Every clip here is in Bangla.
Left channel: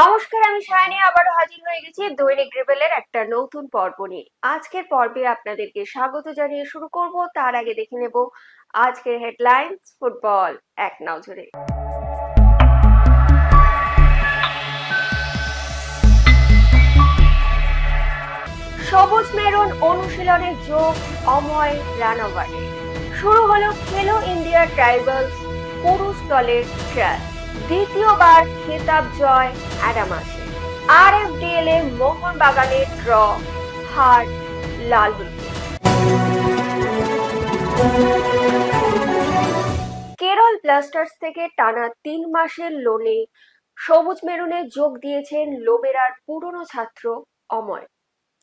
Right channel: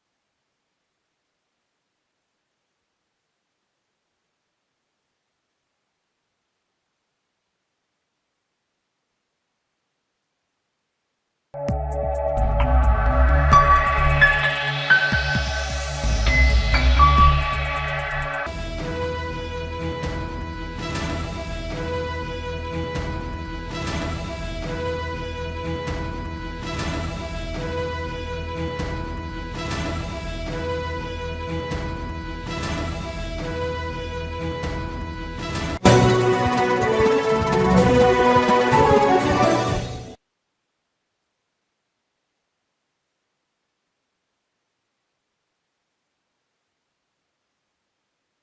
নমস্কার, আমি সায়নী আবারও হাজির হয়ে গেছি দৈনিক রিবেলের একটা নতুন পর্ব নিয়ে। আজকের পর্বে আপনাদেরকে স্বাগত জানিয়ে শুরু করব। তার আগে দেখে নেব আজকের হেডলাইন্স ফুটবল এক নজরে। সবুজ মেরুন অনুশীলনের যোগ অময় রানাওয়ারে। শুরু হলো খেলো ইন্ডিয়া ট্রাইবালস পুরুষ দলের ট্রায়াল। দ্বিতীয়বার খেতাব জয় অ্যাডামাসে। RFDL এ মোহনবাগানের ড্র, হার লাল। কেরল ব্লাস্টার্স থেকে টানা 3 মাসের লোনে সবুজ মেরুনে যোগ দিয়েছেন লোবেরার পুরনো ছাত্র অময়।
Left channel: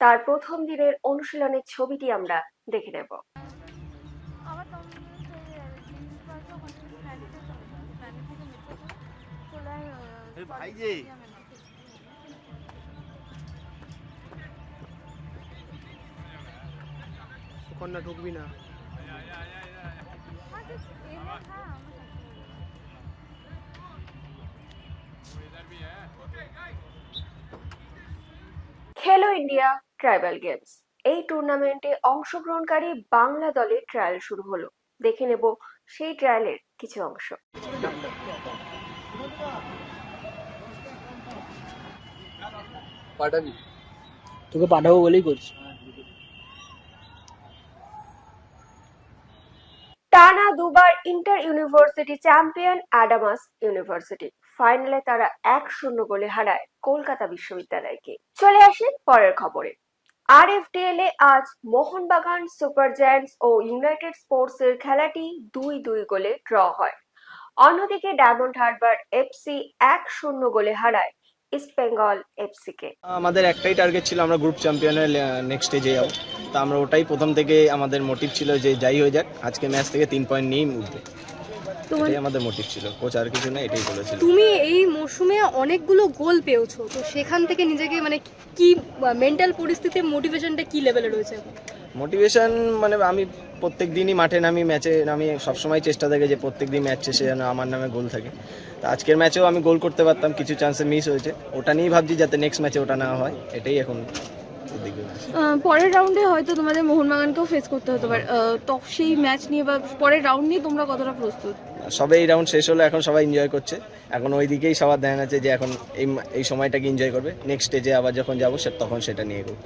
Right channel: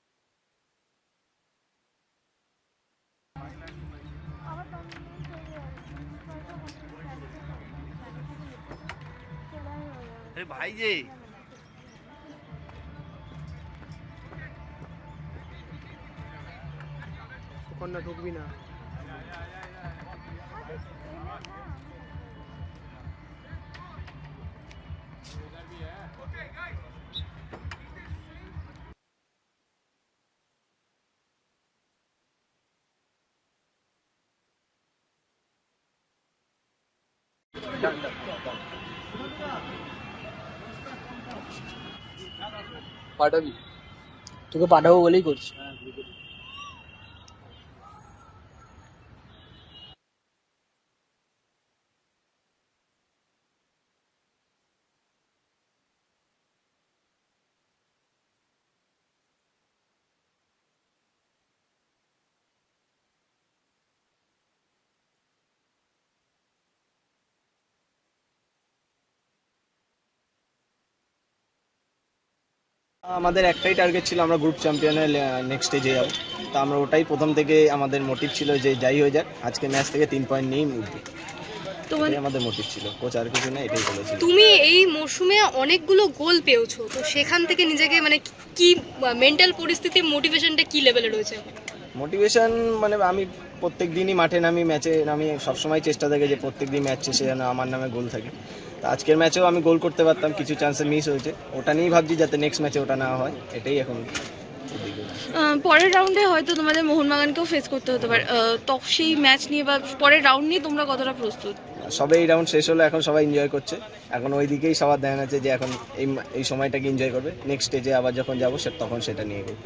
তার প্রথম দিনের অনুশীলনের ছবিটি আমরা দেখে নেব। ভাই যে কন্যা ঢুকবি না। খেলো ইন্ডিয়া ট্রাইবাল গেমস, এই টুর্নামেন্টে অংশগ্রহণকারী বাংলা দলের ট্রায়াল শুরু হলো। দেখে নেব সেই ট্রায়ালের কিছু অংশ। পাঠাবি? তোকে পাঠাবো বলেই করছি। টানা দুবার inter university champion Adamas university ফাইনালে তারা 1-0 গোলে হারায় কলকাতা বিশ্ববিদ্যালয়কে। চলে আসে পরের খবরে। RFDL এ আজ মোহনবাগান সুপার জায়ান্টস ও ইউনাইটেড স্পোর্টস এর খেলাটি 2-2 গোলে ড্র হয়। অন্যদিকে ডায়মন্ড হারবার FC 1-0 গোলে হারায় ইস্ট বেঙ্গল FC কে। আমাদের একটাই টার্গেট ছিল, আমরা গ্রুপ চ্যাম্পিয়নের নেক্সট স্টেজে যাবো। তা আমরা ওটাই প্রথম থেকে আমাদের মোটিভ ছিল যে যাই হয়ে যাক আজকে ম্যাচ থেকে 3 পয়েন্ট নিয়েই উঠবে। এটাই আমাদের মোটিভ ছিল, কোচ আর কিছু না, এটাই বলেছিল। তুমি এই মরশুমে অনেকগুলো গোল পেয়েছো, তো সেখান থেকে নিজেকে কি মেন্টাল পরিস্থিতি, মোটিভেশনটা কি লেভেলে রয়েছে? মোটিভেশন আমি প্রত্যেক দিনই মাঠে নামি, ম্যাচে নামি, সবসময় চেষ্টা থাকে যে প্রত্যেক দিন ম্যাচ শেষে যেন আমার নামে গোল থাকে। তো আজকের ম্যাচেও আমি গোল করতে পারতাম, কিছু চান্সে মিস হয়েছে, ওটা নিয়েই ভাবছি যাতে নেক্সট ম্যাচে ওটা না হয়, এটাই এখন। পরের রাউন্ডে হয়তো তোমাদের মোহনবাগানকেও ফেস করতে হতে পারে, তো সেই ম্যাচ নিয়ে বা পরের রাউন্ড নিয়ে তোমরা কতটা প্রস্তুত? সবে এই রাউন্ড শেষ হলো, এখন সবাই এনজয় করছে, এখন ওই দিকেই সবার ধ্যান আছে যে এখন এই সময়টাকে এনজয় করবে, নেক্সট স্টেজে আবার যখন যাবো তখন সেটা নিয়ে করবো।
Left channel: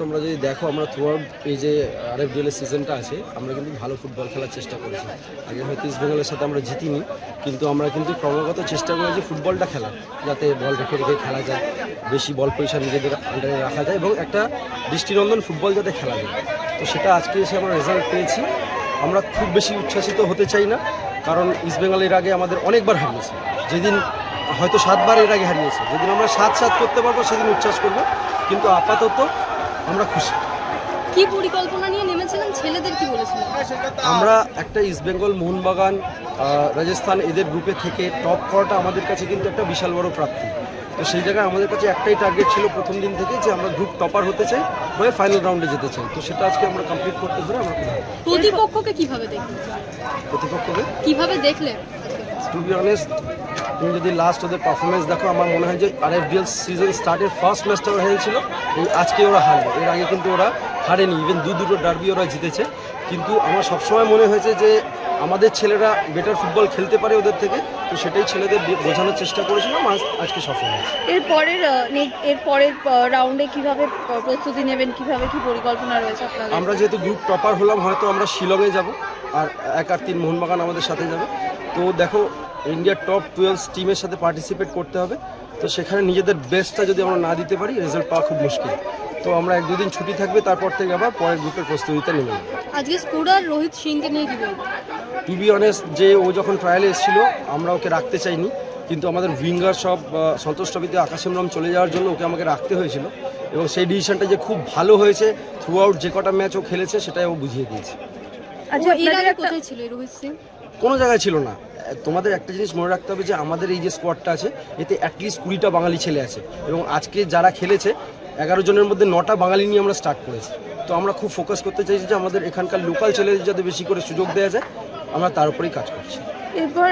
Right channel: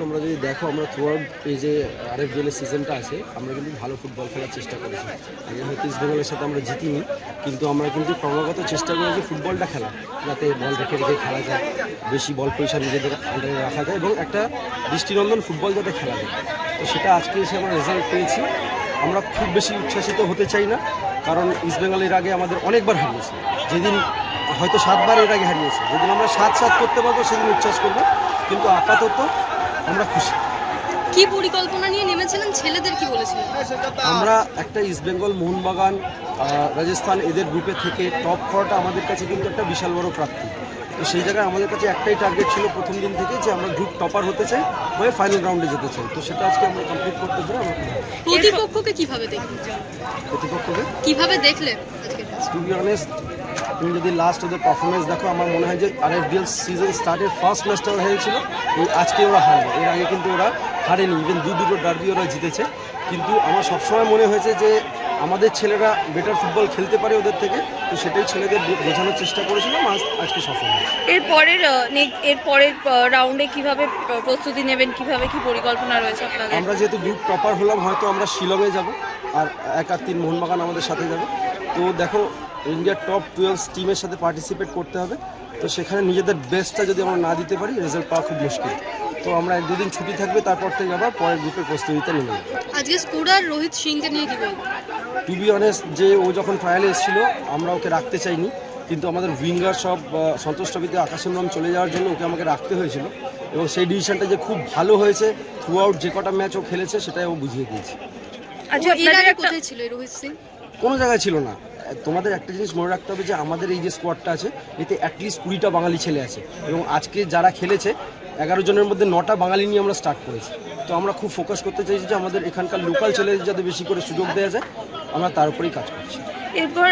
তোমরা যদি দেখো, আমরা থ্রু আউট এই যে RFDL এর সিজনটা আছে, আমরা কিন্তু ভালো ফুটবল খেলার চেষ্টা করেছি। আগে হয়তো ইস্ট বেঙ্গলের সাথে আমরা জিতিনি, কিন্তু আমরা কিন্তু ক্রমাগত চেষ্টা করেছি ফুটবলটা খেলা, যাতে বল রেখে রেখে খেলা যায়, বেশি বল পয়সা নিজেদের আন্ডারে রাখা যায় এবং একটা দৃষ্টিনন্দন ফুটবল যাতে খেলা যায়। তো সেটা আজকে এসে আমরা রেজাল্ট পেয়েছি। আমরা খুব বেশি উচ্ছ্বাসিত হতে চাই না, কারণ ইস্ট বেঙ্গল এর আগে আমাদের অনেকবার হারিয়েছে, যেদিন হয়তো 7 বার এর আগে হারিয়েছে, যেদিন আমরা 7-7 করতে পারবো সেদিন উচ্ছ্বাস করবো, কিন্তু আপাতত আমরা খুশি। কি পরিকল্পনা নিয়ে নেমেছিলেন, ছেলেদের কি বলেছিলেন? আমরা একটা ইস্ট বেঙ্গল, মোহনবাগান, রাজস্থান এদের গ্রুপে থেকে টপ করাটা আমাদের কাছে কিন্তু একটা বিশাল বড় প্রাপ্তি। তো সেই জায়গায় আমাদের কাছে একটাই টার্গেট ছিল প্রথম দিন থেকে, যে আমরা গ্রুপ টপার হতে চাই, হয়ে ফাইনাল রাউন্ডে যেতে চাই। তো সেটা আজকে আমরা কমপ্লিট করতে পারে আমরা প্রতিপক্ষকে কিভাবে দেখলে? প্রতিপক্ষকে কিভাবে দেখলে? টু বি অনেস্ট, তুমি যদি লাস্ট ওদের পারফরমেন্স দেখো, আমার মনে হয় যে RFDL সিজন স্টার্টের ফার্স্ট ম্যাচটা ওরা হেরেছিল, এই আজকে ওরা হারবে। এর আগে কিন্তু ওরা হারেনি, ইভেন দুটো ডার্বি ওরা জিতেছে। কিন্তু আমার সবসময় মনে হয়েছে যে আমাদের ছেলেরা বেটার ফুটবল খেলতে পারে ওদের থেকে, তো সেটাই ছেলেদের বোঝানোর চেষ্টা করেছিলাম, আজকে সফল হয়েছে। এরপরের রাউন্ডে কিভাবে প্রস্তুতি নেবেন, কিভাবে কি পরিকল্পনা রয়েছে আপনাদের? আমরা যেহেতু গ্রুপ টপার হলাম, হয়তো আমরা শিলংয়ে যাব, আর 1 আর 3 মোহনবাগান আমাদের সাথে যাবে। তো দেখো, ইন্ডিয়ার টপ 12 টিমের সাথে পার্টিসিপেট করতে হবে, তো সেখানে নিজেদের বেস্টটা যদি আমরা না দিতে পারি, রেজাল্ট পাওয়া খুব মুশকিল। তো আমরা 1-2 দিন ছুটি থাকবে, তারপর থেকে আবার পরের গ্রুপের প্রস্তুতিটা নেব। আজকে স্কোরার রোহিত সিংকে নিয়ে কি বলবো? টু বি অনেস্ট, যে ও যখন ট্রায়ালে এসেছিল আমরা ওকে রাখতে চাইনি, কিন্তু আমাদের উইঙ্গার সব সন্তোষ ট্রফিতে আকাশমরাম চলে যাওয়ার জন্য আমাকে রাখতে হয়েছিল, এবং সেই ডিসিশনটা যে খুব ভালো হয়েছে, থ্রু আউট যে কটা ম্যাচ ও খেলেছে সেটাই ও বুঝিয়ে দিয়েছে। আচ্ছা, আপনাদের কোথায় ছিল রোহিত সিং? কোনো জায়গায় ছিল না। তোমাদের একটা জিনিস মনে রাখতে হবে যে আমাদের এই যে স্কোয়াডটা আছে, এতে অ্যাটলিস্ট 20টা বাঙালি ছেলে আছে, এবং আজকে যারা খেলেছে 11 জনের মধ্যে 9টা বাঙালি নিয়ে আমরা স্টার্ট করেছি। তো আমরা খুব ফোকাস করতে চাইছি যে আমাদের এখানকার লোকাল ছেলেদের যাতে বেশি করে সুযোগ দেওয়া যায়, আমরা তার উপরেই কাজ করছি। এরপর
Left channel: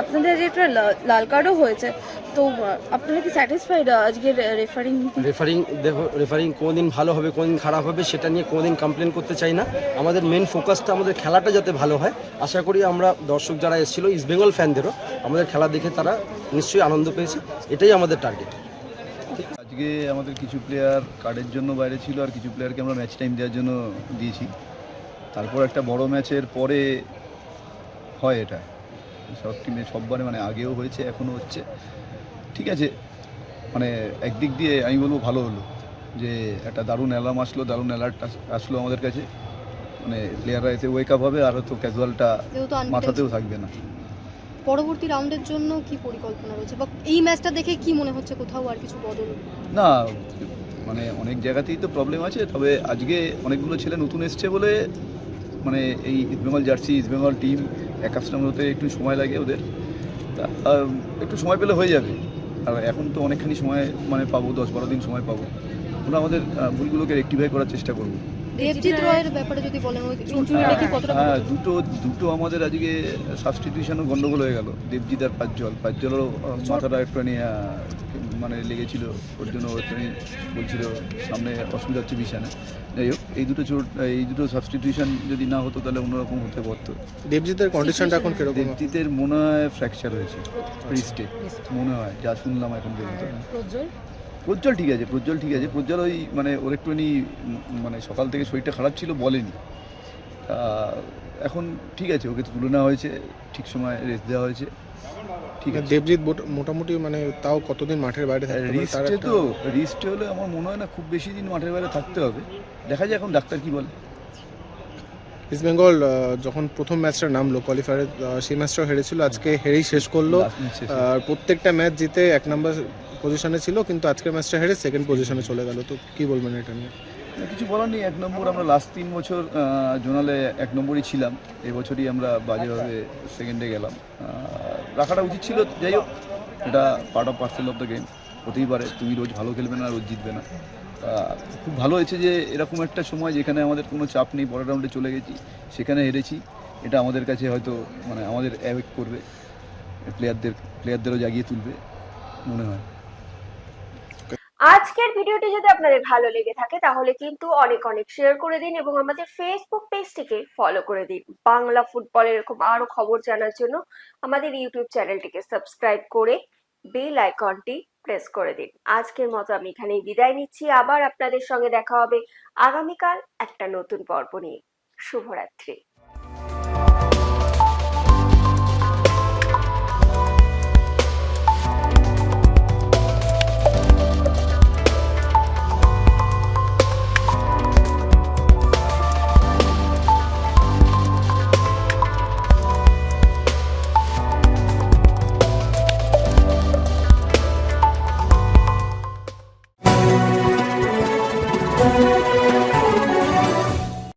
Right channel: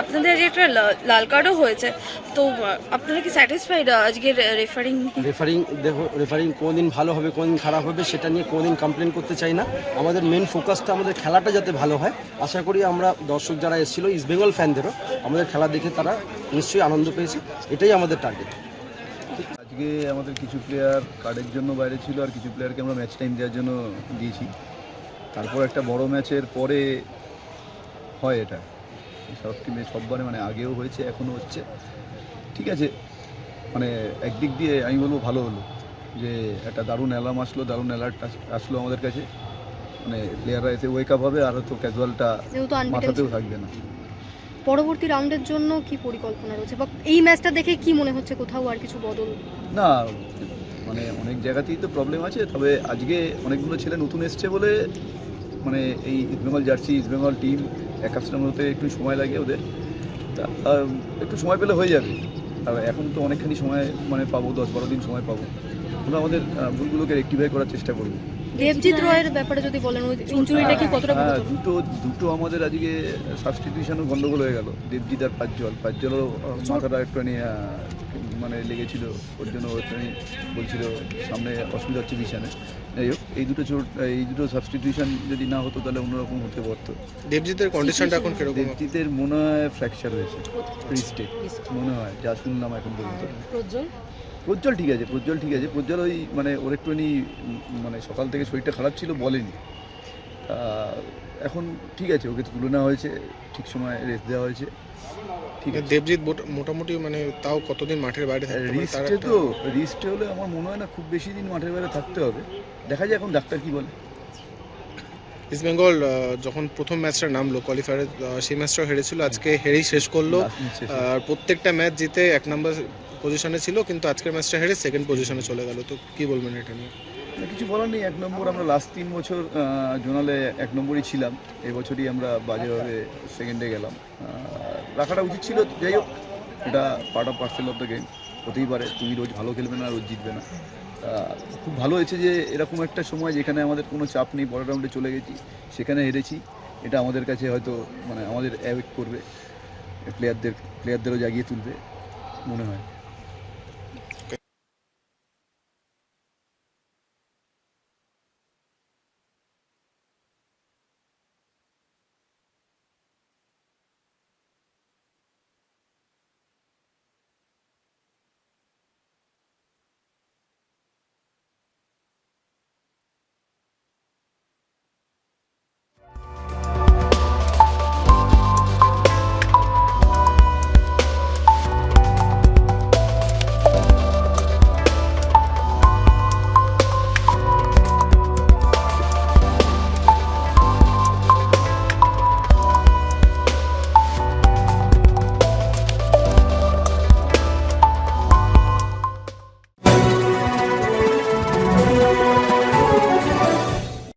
আপনাদের যে একটা লাল কার্ডও হয়েছে, তো আপনারা কি স্যাটিসফাইড আজকের রেফারিং? রেফারিং কোনোদিন ভালো হবে কোনোদিন খারাপ হবে সেটা নিয়ে কোনোদিন কমপ্লেন করতে চাই না। আমাদের মেন ফোকাসটা আমাদের খেলাটা যাতে ভালো হয়। আশা করি আমরা দর্শক যারা এসেছিলো ইস্টবেঙ্গল ফ্যানদেরও আমাদের খেলা দেখে তারা নিশ্চয়ই আনন্দ পেয়েছে, এটাই আমাদের টার্গেট। আজকে আমাদের কিছু প্লেয়ার কার্ডের জন্য বাইরে ছিল, আর কিছু প্লেয়ারকে আমরা ম্যাচ টাইম দেওয়ার জন্য দিয়েছি। তারপর একটা বড় ম্যাচের পরে হয় এটা, সব টিমে সববারে মানে আগেও হয়েছে এখনও হচ্ছে। ঠিক আছে, মানে একদিক দিয়ে আমি বলবো ভালো হলো যে একটা দারুণ অ্যালার্ম আসলো, দারুণ অ্যালার্ট আসলো আমাদের কাছে। মানে প্লেয়াররা এসে ওয়েক আপ হবে, আর হয়তো ক্যাজুয়ালটা যেহেতু unbeaten মাথাতেও ছিল। থাকবে না। পরবর্তী রাউন্ডের জন্য কি পরিকল্পনা রয়েছে, বা এই ম্যাচটা দেখে কি মনে হচ্ছে কোথাও আর কিছু বদল? না, মানে অনেক জায়গাতেই তো প্রবলেম আছে, তবে আজকে অনেকগুলো ছেলে নতুন এসছে বলে মানে এই East Bengal jersey East Bengal team accustom হতে একটু সময় লাগে ওদের। তা একটু সময় পেলে হয়ে যাবে। আর এখন তো অনেকখানি সময় মানে পাবো, 10-12 দিন সময় পাবো। আমরা আমাদের ভুলগুলোকে রেক্টিফাই করার চেষ্টা করবো। দেবজিৎ রয়ের ব্যাপারে যদি বলেন, ওই ইনজুরিটা কি কতটা হ্যাঁ, গুরুতর? দুটো আমাদের আজকে সাবস্টিটিউশনও গন্ডগোল হয়ে গেল। দেবজিৎ আর পাঁচজলও মাথাটা একটুখানি মানে লেগেছিল, ওর জন্য একটুখানি বলছিল সামনে অসুবিধা হচ্ছে বিছানে। যাই হোক, এই দুটো সাবস্টিটিউশন যদি না হতো তাহলে অন্যরকম হতে পারতো। দেবজিতের কন্ডিশনটা এখন কিরকম? দেবজিতের মনে হয় ফ্র্যাকচার হয়েছে রিস্টে, মনে হয় যা শুনলাম এখন পর্যন্ত। প্রজ্জ্বল ঠিক আছে, প্রজ্জ্বল ওই মানে ওর একটুখানি মানে সকাল থেকে শরীরটা খারাপ ছিল, বলেনি। এখন ঠিক আছে, ওকে তুলে নেওয়া হয়েছে, ঠিক সময় রেস্ট দেওয়া হয়েছে, ঠিক আছে। দেবজিৎ মোটামুটি মানে তাও কতদিন মাঠের বাইরে থাকতে পারে? তার রিস্টে হলে আমার মনে হয় না খুব বেশি দিন মাঠের বাইরে থাকতে হবে। দেখা যায় এখন ডাক্তার কি বলে। ইস্টবেঙ্গল যখন প্রথম ম্যাচটা নামলো কোয়ালিফায়ারে, সেই ম্যাচটাও হেরেছিল, আজকে হেরেই শেষ করলো। Last match শেষ। আর প্রত্যেকটা ম্যাচ জিতে 1 নম্বর পজিশনে ছিল, কিন্তু আজকের ম্যাচটা হেরে 2nd পজিশনে চলে গেল। তো কি বলবেন এটা নিয়ে? না, কিছু বলার নেই। 1 নম্বর আমরা লাস্ট 3 বছর জোনালে 1 নম্বরই ছিলাম, এবছরই আমরা বাজেভাবে সেকেন্ডে গেলাম। রাখাটা উচিত ছিল। যাই হোক, এটা part of parcel of the game, হতেই পারে। তুমি রোজ ভালো খেলবে না, রোজ জিতবে না। খুব ভালো হয়েছে যে এরকম একটা সময় যেখানে আমাদের কোনো চাপ নেই, পরের রাউন্ডে চলে গেছি, সেখানে হেরেছি। এটা আমাদের কাছে হয়তো মানে আমাদের অ্যাওয়েক করবে, প্লেয়ারদেরও জাগিয়ে তুলবে মনে হয়। আজকের ভিডিওটি যদি আপনাদের ভালো লেগে থাকে তাহলে কিন্তু অনেক অনেক শেয়ার করে দিন এবং আমাদের ফেসবুক পেজটিকে ফলো করে দিন। বাংলা ফুটবল এরকম আরো খবর জানার জন্য আমাদের ইউটিউব চ্যানেলটিকে সাবস্ক্রাইব করে বেল আইকনটি প্রেস করে দিন। আজকের মতো আমি এখানেই বিদায় নিচ্ছি। আবার আপনাদের সঙ্গে দেখা হবে আগামীকাল একটা নতুন পর্ব নিয়ে। শুভরাত্রি।